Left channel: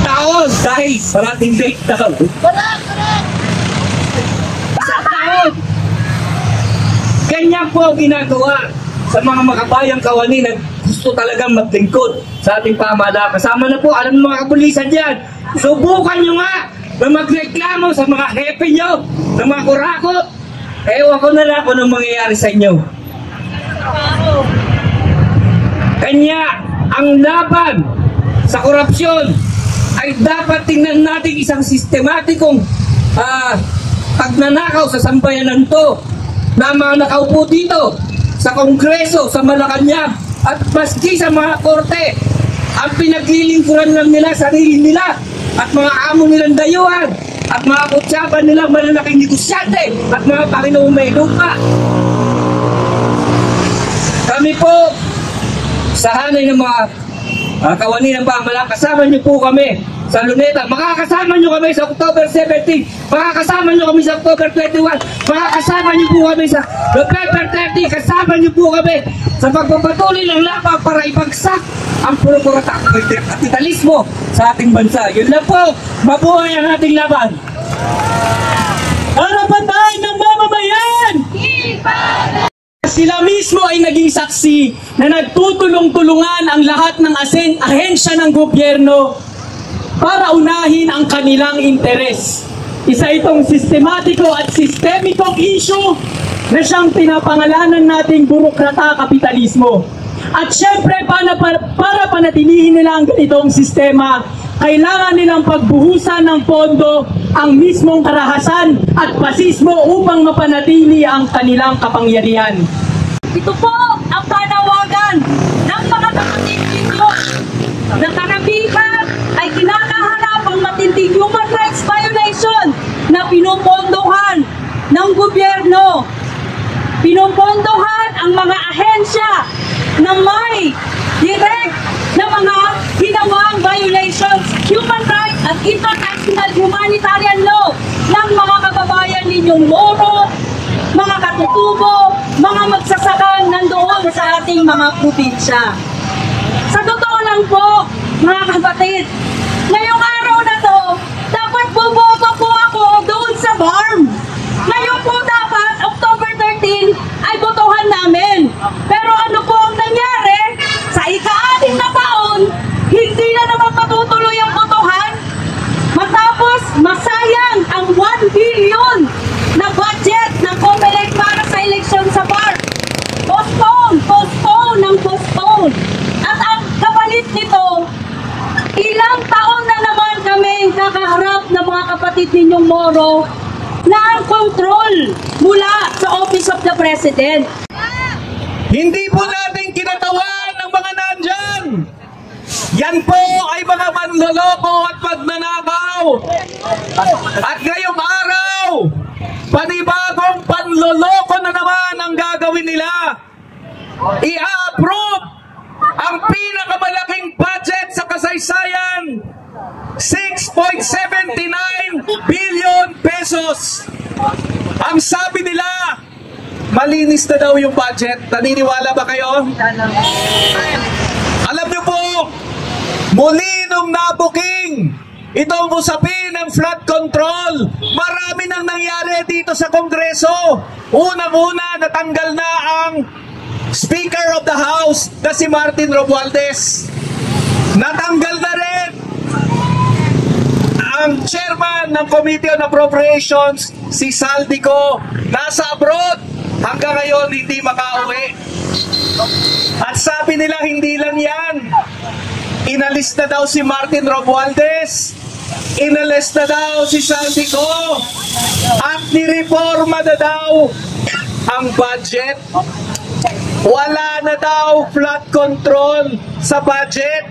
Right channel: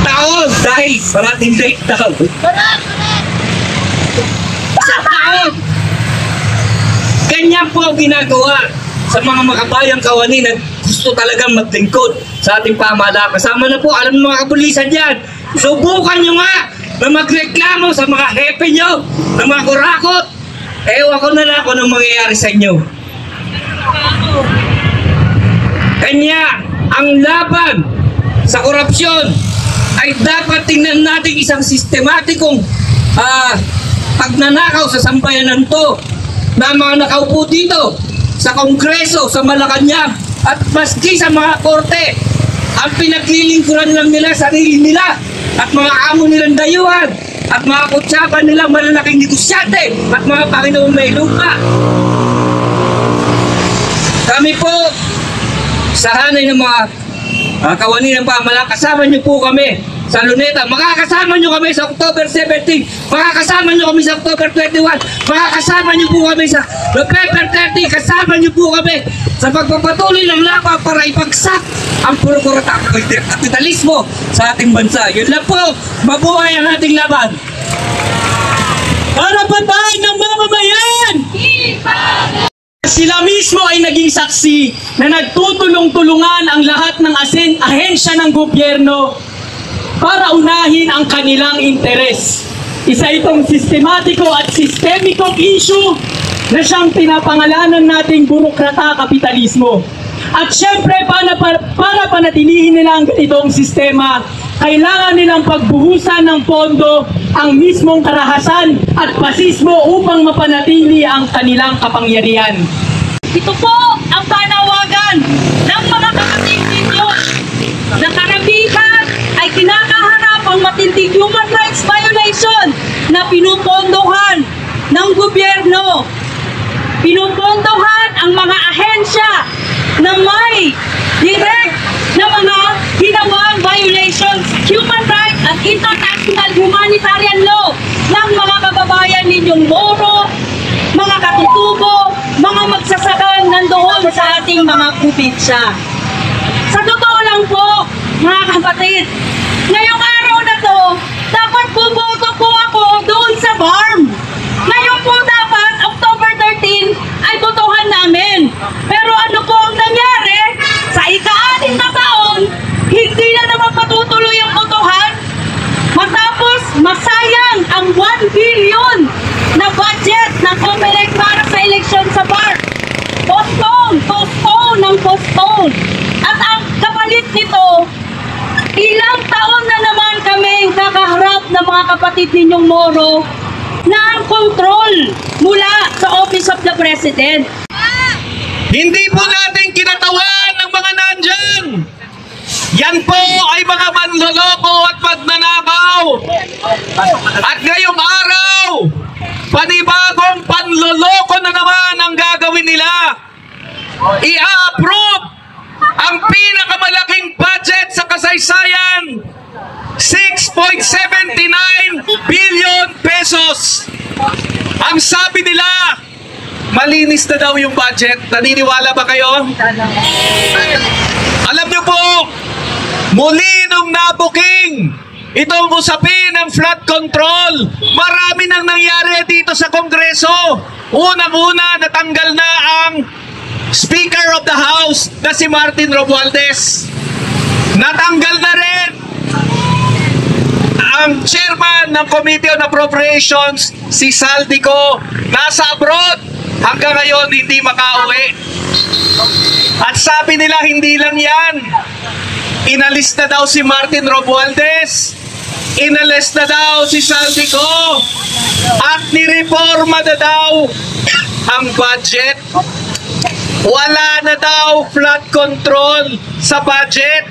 Taon dahil parating date taon. Sa taon. Ganyan po ang ginagawa sa mga makabayang kawani na gusto talagang maglingkod sa ating pamahalaan. Kasama na po, alam ng mga kapulisan dyan, subukan nyo nga na magreklamo sa mga hepe nyo, ng mga kurakot. Ewan ko na lang kung anong mangyayari sa inyo. Kanya, ang laban sa korupsyon ay dapat tingnan natin isang sistematikong pagnanakaw sa sambayanan to na mga nakaupo dito sa Kongreso, sa Malacanang at maski sa mga korte, ang pinaglilingkuran lang nila sarili nila at mga amo nilang dayuhan at mga kutsapan nilang malalaking negosyante at mga Panginoong may lupa. Kami po sa hanay ng mga kawani ng pamahalaan, kasama niyo po kami sa Luneta. Makakasama nyo kami sa October 17, makakasama nyo kami sa October 21, makakasama nyo po kami sa November 30, kasama nyo po kami sa pagpapatuloy ng laban para ipagsak ang kapitalismo sa ating bansa. Yun lang po, mabuhay ang ating laban. Karapatan ng mamamayan! Sila mismo ay naging saksi na nagtutulong-tulungan ang lahat ng ahensya ng gobyerno para unahin ang kanilang interes. Isa itong sistematiko at sistemikong issue na siyang pinapangalanan nating burokrata kapitalismo. At syempre, para panatilihin nila ang ganitong sistema, kailangan nilang pagbuhusan ng pondo ang mismong karahasan at pasismo upang mapanatili ang kanilang kapangyarihan. Ito po ang panawagan ng mga kapatid ninyo na karamihan ay kinakaharap ang matinding human rights violation na pinupondohan ng gobyerno. Pinupondohan ang mga ahensya na may direct na mga ginawang violations, human rights at international humanitarian law ng mga kababayan ninyong Moro, mga katutubo, mga magsasaka nandoon sa ating mga probinsya. Sa totoo lang po, mga kapatid, ngayong araw na to, dapat buboto po ako doon sa farm. Ngayon po dapat, October 13, ay botohan namin. Pero ano po ang nangyari? Sa ika-6 na taon, hindi na naman patutuloy ang botohan. Matapos masayang ang 1 billion na budget ng COMELEC para sa eleksyon sa farm. Postpone. At ang kapalit nito, ilang taon na naman kami nakaharap ng mga kapatid ninyong Moro na ang control mula sa Office of the President. Hindi po natin kinatawan ng mga nandyan. Yan po ay mga manloloko at pagnanakaw. At ngayong araw, panibagong panloloko na naman ang gagawin nila. I-approve ang pinakamalaking budget sa kasaysayan, 6.79 billion pesos. Ang sabi nila, malinis na daw yung budget. Naniniwala ba kayo? Alam nyo po, muli nung nabuking itong usapin ng flood control, marami nang nangyari dito sa Kongreso. Unang-una, natanggal na ang Speaker of the House na si Martin Romualdez. Natanggal na rin ang chairman ng Committee on Appropriations, si Saldico, nasa abroad. Hanggang ngayon hindi makauwi. At sabi nila hindi lang yan. Inalis na daw si Martin Romualdez. Inalis na daw si Saldico. At nireforma na daw ang budget. Wala na daw flood control sa budget.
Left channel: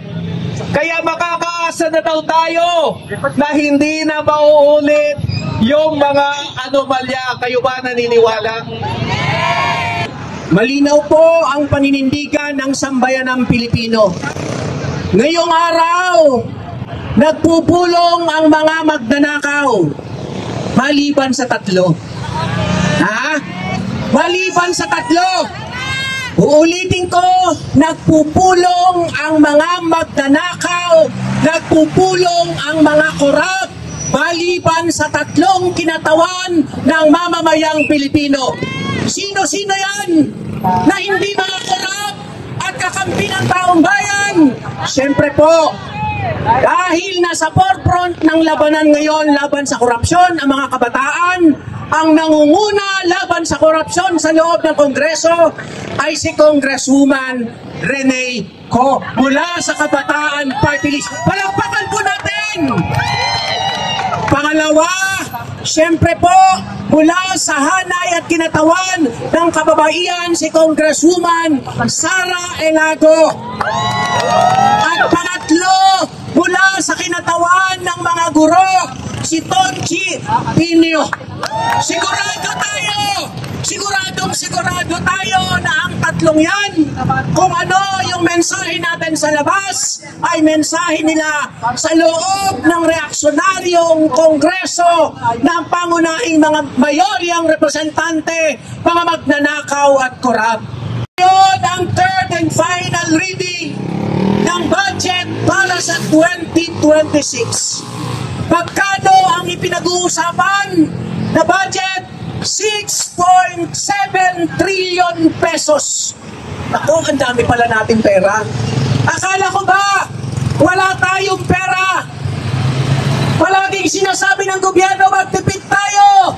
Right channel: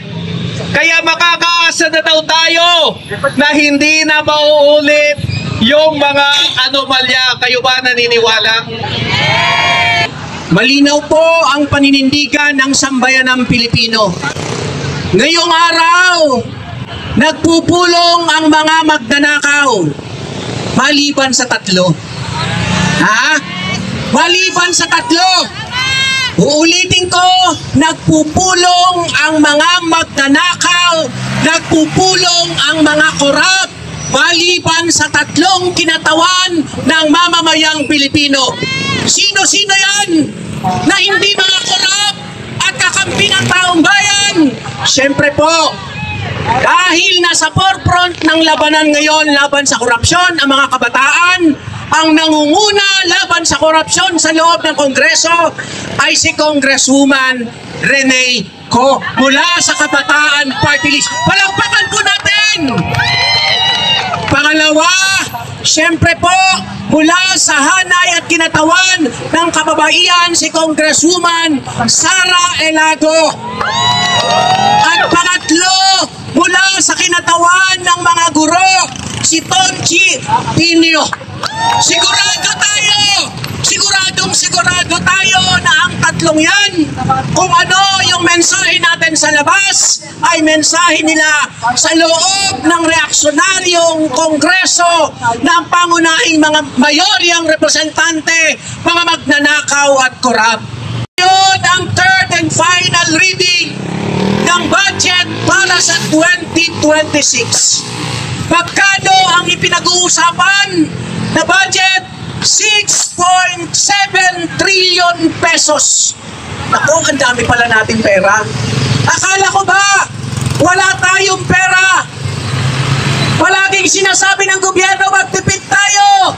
Kaya makakaasa na daw tayo na hindi na mauulit yung mga anomalya. Kayo ba naniniwala? Malinaw po ang paninindigan ng sambayanang Pilipino. Ngayong araw, nagpupulong ang mga magnanakaw maliban sa tatlo. Maliban sa tatlo. Uulitin ko, nagpupulong ang mga magnanakaw, nagpupulong ang mga korap, maliban sa 3 kinatawan ng mamamayang Pilipino. Sino-sino yan na hindi mga korap at kakampi ng taong bayan? Siyempre po, dahil nasa forefront ng labanan ngayon laban sa korupsyon ang mga kabataan, ang nangunguna laban sa korupsyon sa loob ng Kongreso ay si Congresswoman Rene Co mula sa Kabataan Party List. Palakpakan po natin! Pangalawa, siyempre po, mula sa hanay at kinatawan ng kababaihan si Congresswoman Sara Elago. At pangatlo, mula sa kinatawan ng mga guro, si Tonchi Pinio. Sigurado tayo na ang 3 yan, kung ano yung mensahe natin sa labas, ay mensahe nila sa loob ng reaksyonaryong kongreso ng pangunahing mga mayoryang representante, mga magnanakaw at korap. Ngayon ang third and final reading ng budget para sa 2026. Magkano ang ipinag-uusapan na budget? 6.7 trillion pesos. Ako, ang dami pala natin pera. Akala ko ba wala tayong pera? Palaging sinasabi ng gobyerno, magtipid tayo,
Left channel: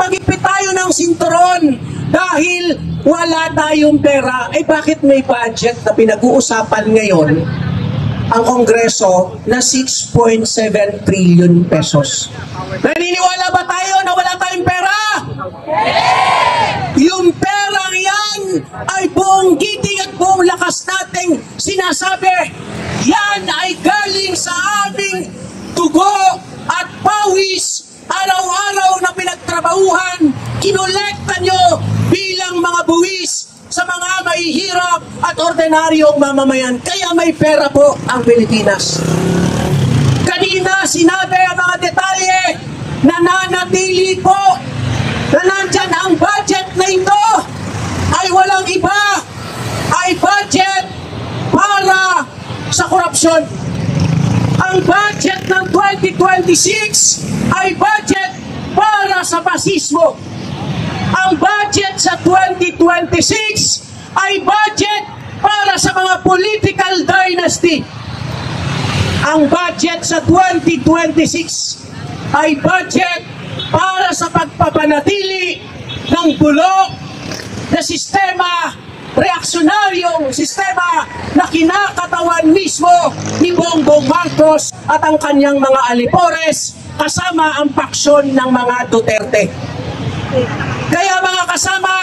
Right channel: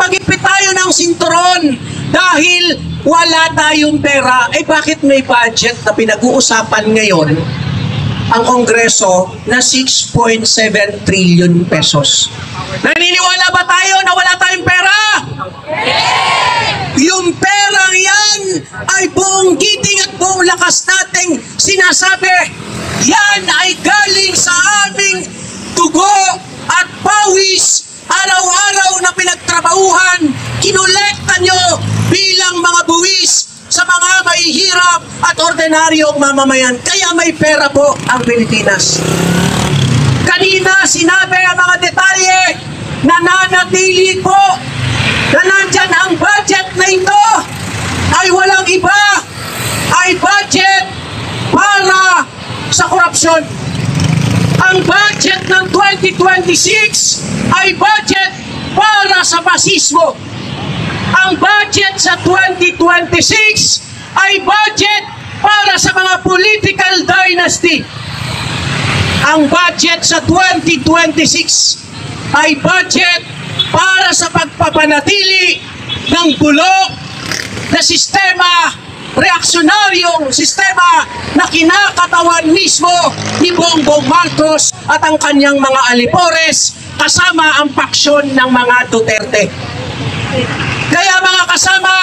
pagipit tayo ng sinturon dahil wala tayong pera. Eh bakit may budget na pinag-uusapan ngayon ang Kongreso na 6.7 trillion pesos? Naniniwala ba tayo na wala tayong pera? Yung perang yan ay buong giting at buong lakas nating sinasabi, yan ay galing sa aming dugo at pawis, araw-araw na pinagtrabahuhan, kinolekta nyo bilang mga buwis sa mga mahihirap at ordinaryong mamamayan. Kaya may pera po ang Pilipinas. Kanina sinabi ang mga detalye, nananatili po na nandyan ang budget na ito ay walang iba, ay budget para sa korupsyon. Ang budget ng 2026 ay budget para sa pasismo. Ang budget sa 2026 ay budget para sa mga political dynasty. Ang budget sa 2026 ay budget para sa pagpapanatili ng bulok na sistema, reaksyonaryong sistema na kinakatawan mismo ni Bongbong Marcos at ang kanyang mga alipores kasama ang paksyon ng mga Duterte. Kaya mga kasama,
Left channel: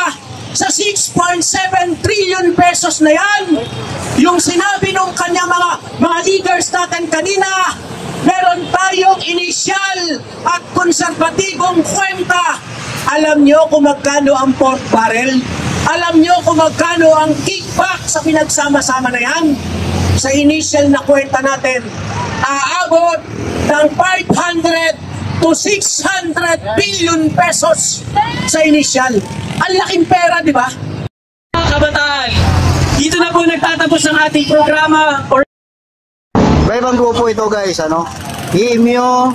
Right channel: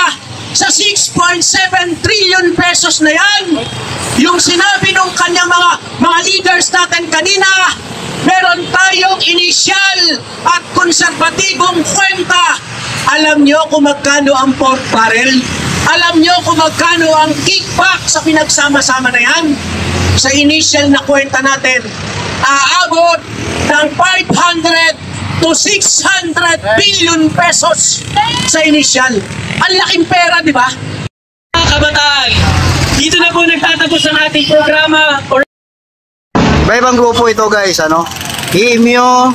sa 6.7 trillion pesos na yan, yung sinabi ng kanyang mga leaders natin kanina, meron tayong inisyal at konserbatibong kwenta. Alam nyo kung magkano ang pork barrel? Alam nyo kung magkano ang kickback sa pinagsama-sama na yan? Sa initial na kwenta natin, aabot ng 500 to 600 billion pesos sa initial. Ang laking pera, di ba? Mga kabataan, dito na po nagtatapos ang ating programa. Iba-ibang grupo ito guys, ano? IMU,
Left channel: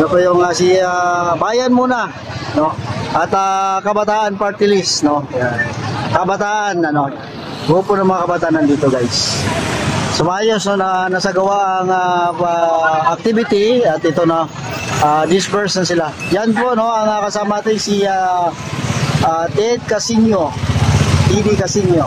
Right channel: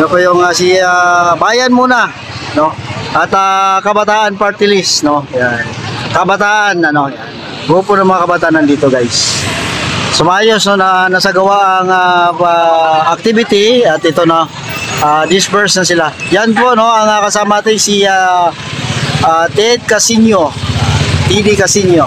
ano pa yung si Bayan muna, no? At Kabataan Party List, no? Yan. Kabataan, ano? Grupo ng mga kabataan nandito guys. Sumayos, no, na nasagawa ang activity at ito na disperse na sila. Yan po, no, ang kasama natin si Ted Casino, TD Casino.